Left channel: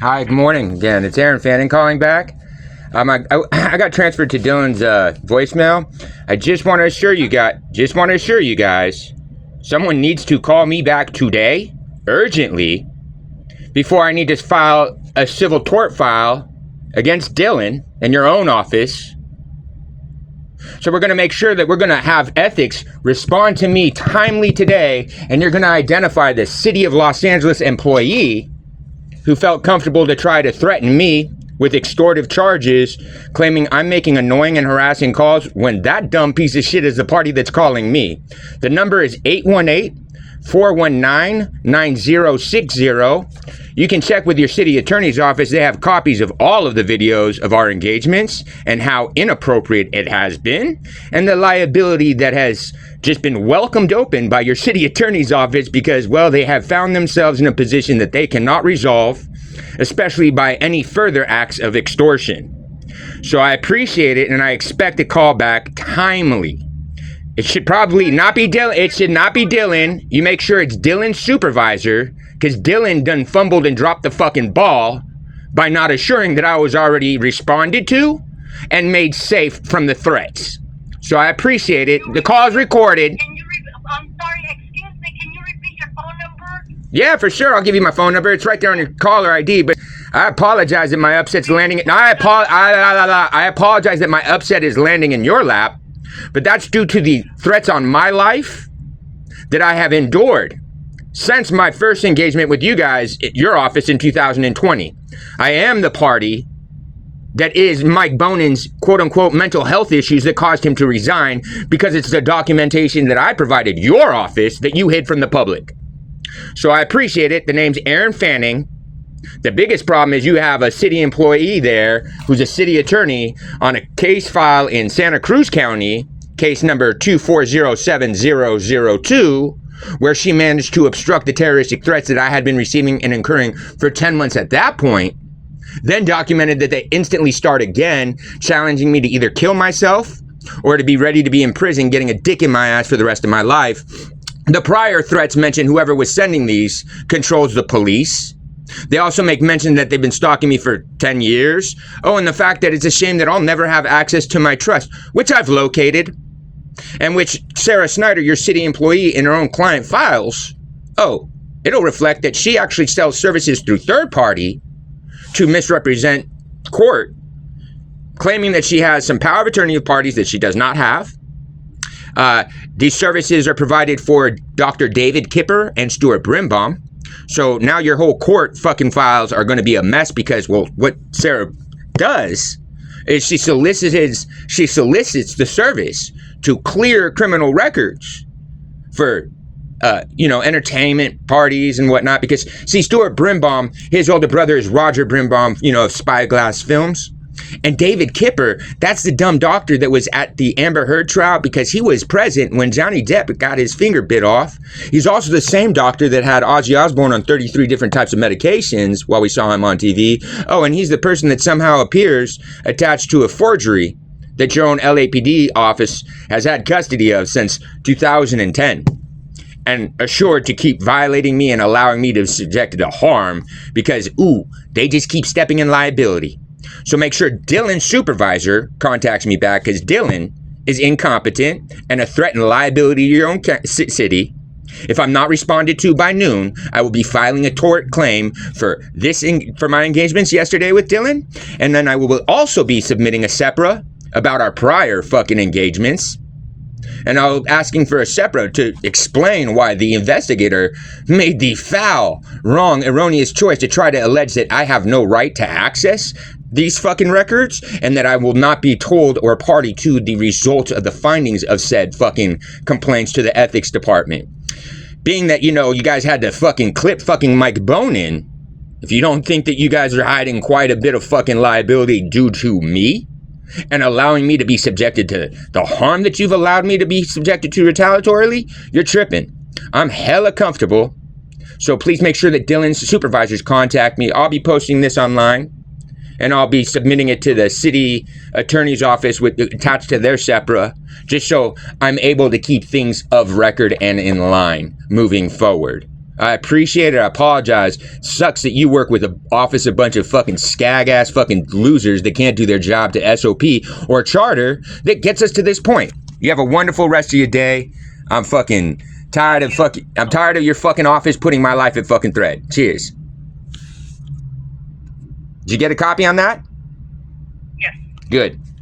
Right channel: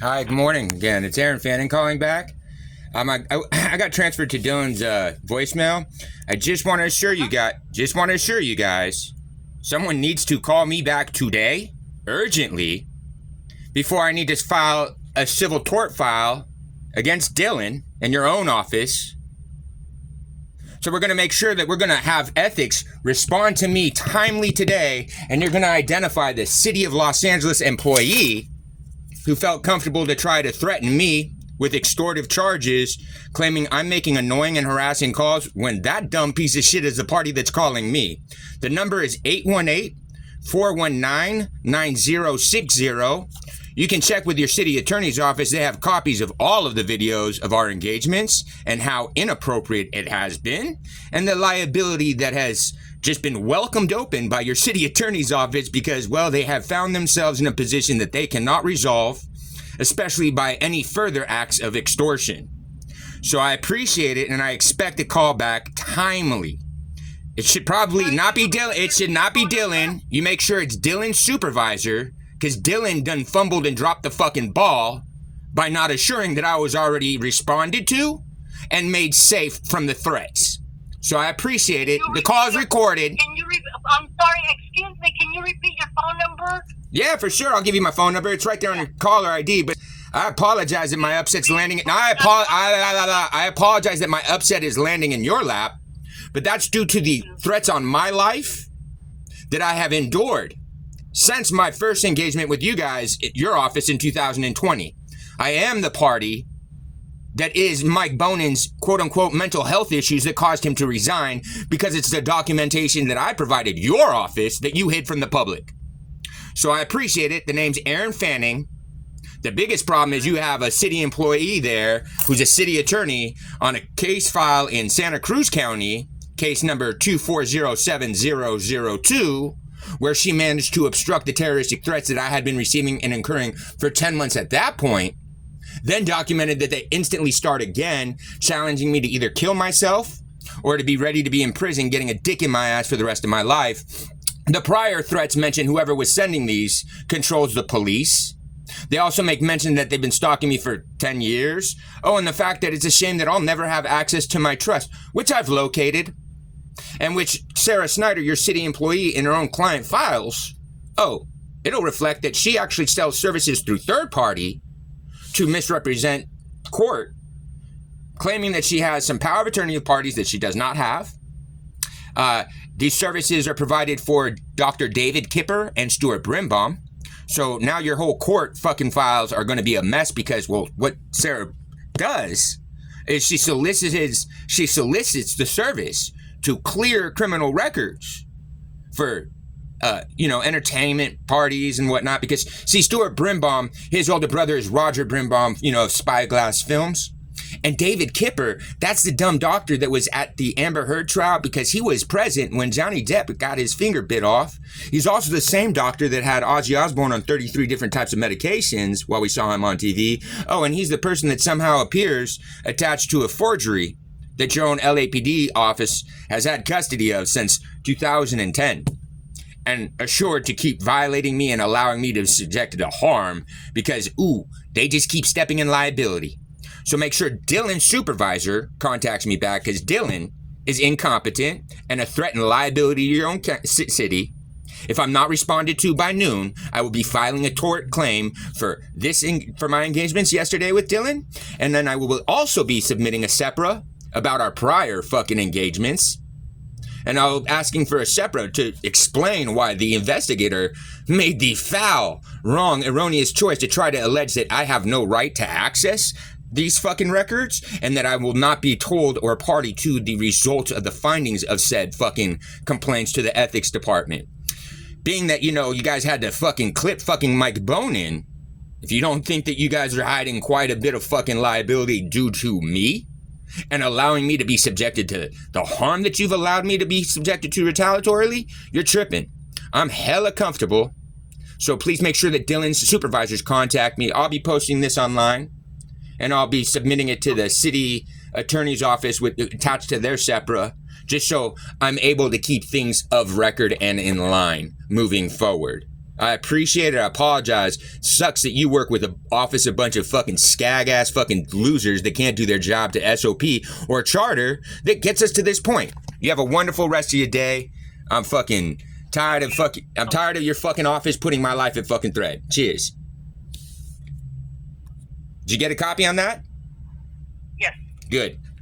Hi, good morning again. It's Aaron Fanning calling back. I got transferred to Dylan's voicemail. I just want to assure you guys, someone needs to call me back today, urgently, before I need to file a civil tort file against Dylan in your own office. So we're going to make sure that we're going to have ethics respond to me timely today, and you're going to identify the City of Los Angeles employee who felt comfortable to try to threaten me with extortive charges, claiming I'm making annoying and harassing calls when that dumb piece of shit is the party that's calling me. The number is 818-419-9060. You can check with your city attorney's office. They have copies of all of the videos of our engagements and how inappropriate it has been, and the liability that has just been welcomed open by your city attorney's office because, well, they have found themselves in a position that they cannot resolve, especially by any further acts of extortion. So I appreciate it, and I expect a call back timely. It should probably not be Dylan. It should not be Dylan. You make sure it's Dylan's supervisor, because Dylan done fumbled and dropped the fucking ball by not assuring that I was already responded to and made safe from the threats. So I appreciate it. The call is recorded. I'm sorry, excuse me, can you repeat your phone number? Yeah, for sure. I'll give you my phone number. It's right there on your caller ID. But I apologize that my upset's landing. I apologize that my upset is landing in your lap. But that's due to the threats on my life that I have endured since my first engagement with you guys at your office in 2020. I am the party that is Mike Bonin's quote-unquote mental health issues that caused him to resign, because it's the documentation that I provided your office that you hid from the public. So I appreciate it. The name's Aaron Fanning. The biggest problem is you have a city employee there who's a city attorney on a case file in Santa Cruz County, case number 2407002, where she managed to obstruct the terroristic threats that I had been receiving and incurring for 10 months at that point, then documented that they instantly start again, challenging me to either kill myself or to be ready to be in prison, getting a dick in my ass for the rest of my life. The prior threats mention whoever was sending these controls the police. They also make mention that they've been stalking me for 10 years. Oh, and the fact that it's a shame that I'll never have access to my trust, which I've located, and which Sarah Snyder, your city employee, in her own client files, it'll reflect that she actually sells services through third party to misrepresent court, claiming that she has some power of attorney of parties that she does not have. These services are provided for Dr. David Kipper and Stuart Brimbaum. So now your whole court fucking files are going to be a mess because, well, what Sarah does is she solicits the service to clear criminal records for entertainment parties and whatnot. Because, see, Stuart Brimbaum, his older brother is Roger Brimbaum, of Spyglass Films. And David Kipper, that's the dumb doctor that was at the Amber Heard trial because he was present when Johnny Depp got his finger bit off. He's also the same doctor that had Ozzy Osbourne on 33 different types of medications while we saw him on TV. Oh, and he's the person that somehow appears attached to a forgery that your own LAPD office has had custody of since 2010. And assured to keep violating me and allowing me to be subjected to harm because, they just keep stepping in liability. So make sure Dylan's supervisor contacts me back because Dylan is incompetent and a threat and liability to your own city. If I'm not responded to by noon, I will be filing a tort claim for my engagements yesterday with Dylan. And then I will also be submitting a SEPRA about our prior fucking engagements. And I'll asking for a SEPRA to explain why the investigator made the foul, wrong, erroneous choice to try to allege that I have no right to access these fucking records and that I will not be told or party to the results of the findings of said fucking complaints to the ethics department. Being that, you guys had to fucking clip fucking Mike Bonin, if you don't think that you guys are hiding quite a bit of fucking liability due to me, and allowing me to be subjected to the harm that you've allowed me to be subjected to retaliatorily, you're tripping. I'm hella comfortable. So please make sure that Dylan's supervisors contact me. I'll be posting this online, and I'll be submitting it to the city attorney's office attached to their SEPRA, just so I'm able to keep things of record and in line moving forward. I appreciate it. I apologize. Sucks that you work with an office of bunch of fucking skag-ass fucking losers that can't do their job to SOP or charter that gets us to this point. You have a wonderful rest of your day. I'm fucking tired of your fucking office putting my life at fucking threat. Cheers. Did you get a copy on that? Yes. Good.